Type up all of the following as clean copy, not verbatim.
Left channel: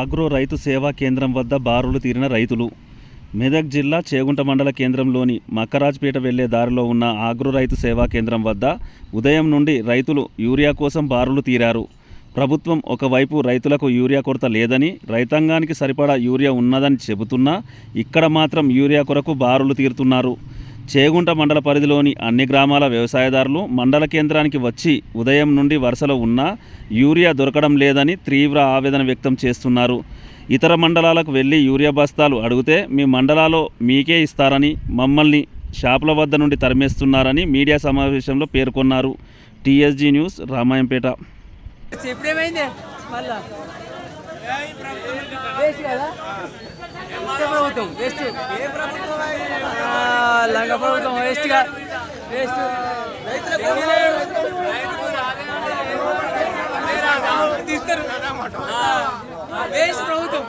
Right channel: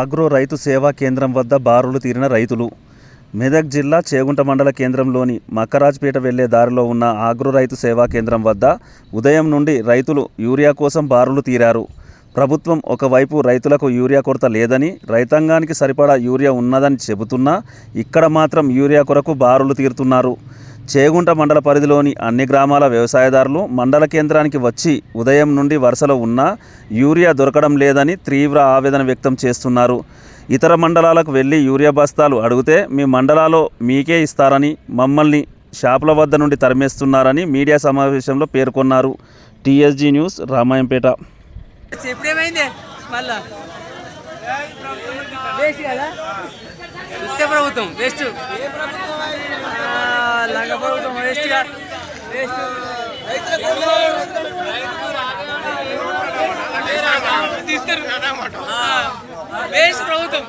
Agro రైతు సేవా కేంద్రం వద్ద బారులు తీరిన రైతులు. మెదక్ జిల్లా చేగుంట మండల కేంద్రంలోని మక్కరాజ్పేట వెళ్లే దారిలో ఉన్న ఆగ్రో రైతు సేవా కేంద్రం వద్ద ఉదయం నుండి రైతులు యూరియా కోసం బారులు తీరారు. ప్రభుత్వం ఒకవైపు రైతులకు యూరియా కొరత లేదని, రైతాంగానికి సరిపడా యూరియా ఉన్నదని చెబుతున్నా ఇక్కడ మాత్రం యూరియా కొరకు బారులు తీరుతున్నారు. చేగుంట మండల పరిధిలోని అన్ని గ్రామాల వ్యవసాయదారులు మండల కేంద్రానికి వచ్చి ఉదయం నుండి వరుసలో ఉన్నా యూరియా దొరకడం లేదని తీవ్ర ఆవేదన వ్యక్తం చేస్తున్నారు. ఇతర మండలాలకు వెళ్ళి యూరియా బస్తాలు అడిగితే మీ మండలాల్లో మీకే ఇస్తారని, మమ్మల్ని షాపుల వద్ద నుండి తరిమేస్తున్నారని మీడియా సమావేశంలో పేర్కొన్నారు. TSG news, Ramayampet. ప్రభుత్వం వేస్ట్ లంగ ప్రభుత్వం వేస్ట్ తీస్తారు వేస్ట్ ప్రభుత్వం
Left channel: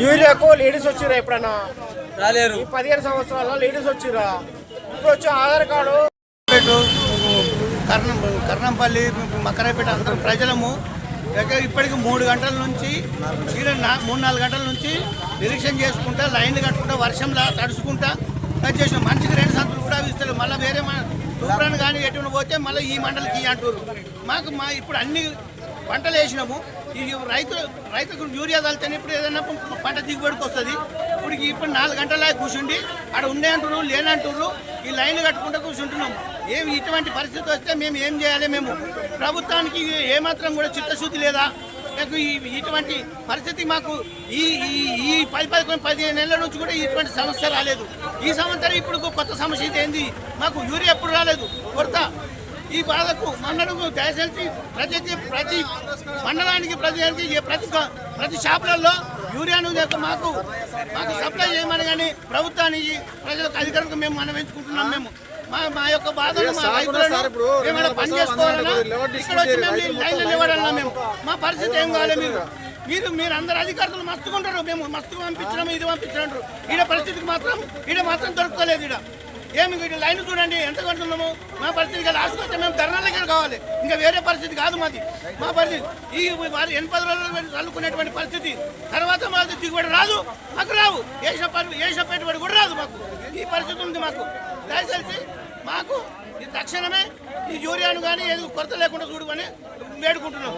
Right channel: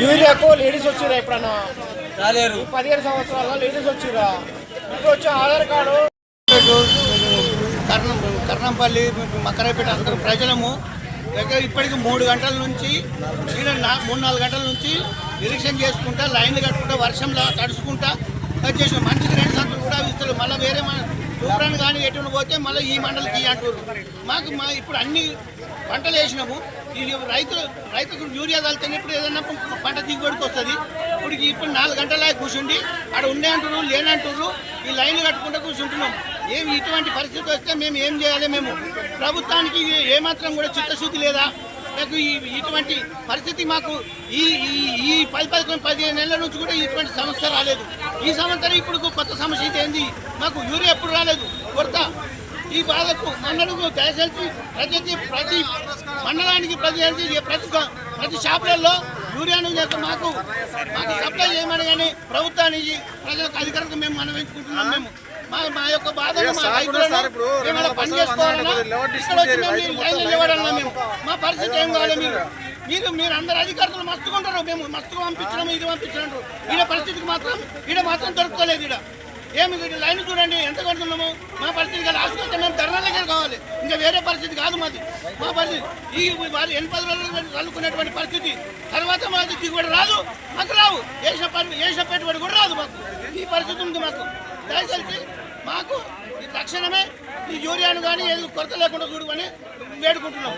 యూరియాకు లేడీస్ వచ్చిరా ఎప్పుడన్నా రాలేరు. 15 సంవత్సరాల లేడీస్ వచ్చిరా. ఇప్పుడు వచ్చి ఆధార్ కార్డు కర్ణంపల్లి మక్కరాపేట ప్రజలము ఇప్పటికి 3 గంటల నుంచి 3-4 గంటల నుంచి నిరీక్షణ చేసుకుంటా, లైన్లు కట్టుకుంటా, వర్షంలో తడుచుకుంటా చేసినాం. మంచికి 2 సంతులు కూడా ఇస్తారు. మళ్ళీ వేరే తూప్రాన్ని కానీ ఎటును పోతే మళ్ళీ ఈ మండలికి అంటారు. మాకు ఇప్పుడు అన్ని పంటలు వేసినాము. ఇది రైతుకు యూరియా కలితేనే ఇప్పుడు ఏదైనా పంట దిగుబడికి వస్తుంది. ఇప్పుడు 4 గంటల కూర్చుండి అక్కడ ఉండే అంటారు, లేనంటారు. ఈ లైన్లు కట్టుకుంటూ కూర్చుంటున్నాం. ఇటువంటి పరిస్థితి వస్తే మేము ఏం చేయాలి? మేము ప్రభుత్వానికి ఏమాత్రం కూడా చిత్తశుద్ధి లేదా? ఇటువంటి పరిస్థితి మాకు ఈ 10-15 నెలల నుంచి కూడా ఇటువంటి సమస్య రాలేదు. ఈ సంవత్సరం ఇప్పుడు కొత్త సమస్య ఏంది? మాకు యూరియా ఎప్పుడు రాలేదు, కొరత. ఈ బాధకు మండలకు దయచేసి ప్రతి మండలానికి ప్రతి షాపులలో యూరియాను మాకు సప్లై చేయమని కానీ ప్రభుత్వానికి ప్రజలకు అధికారులకు మేము మనవించుకుంటున్నాం. మేము మా యొక్క బాధలు, మా రైతులను ఏమైనా పని చేసుకోవాలన్నా ఇక్కడ వచ్చి మేము లైన్లో నిలబడాలన్నా మేము మా పరిస్థితి ఏం కావాలి? మీరు అందరు అధికారులు మస్తుకుంటారు. మేము మస్తుగా పంపించడం, ఇది పంపించడం. ఈడ పరిస్థితికి మాత్రం దొరకలేదు. ఏమి లైన్ చూడండి ఎంత కడుతున్నాము. మా పరిస్థితి లాస్ట్ వస్తే మేము ధర్నాలకే కావాలి. ఇంకా వేరే పరిస్థితి కాదు మాది. మా పరిస్థితి ఈ 80 రోజులు చల్లుకునేటువంటి పరిస్థితి. తర్వాత మాది దిగుబడి రాదు, మాకు రావు. వేసిన పెట్టుబడి కూడా రాదు. మాకు ఈ పరిస్థితి ఉంది. మాకు దయచేసి మాకు తక్షణమే ఈ యూరియాను కానీ ఏది కొరత లేకుండా చూడమని వేడుకుంటున్నాం.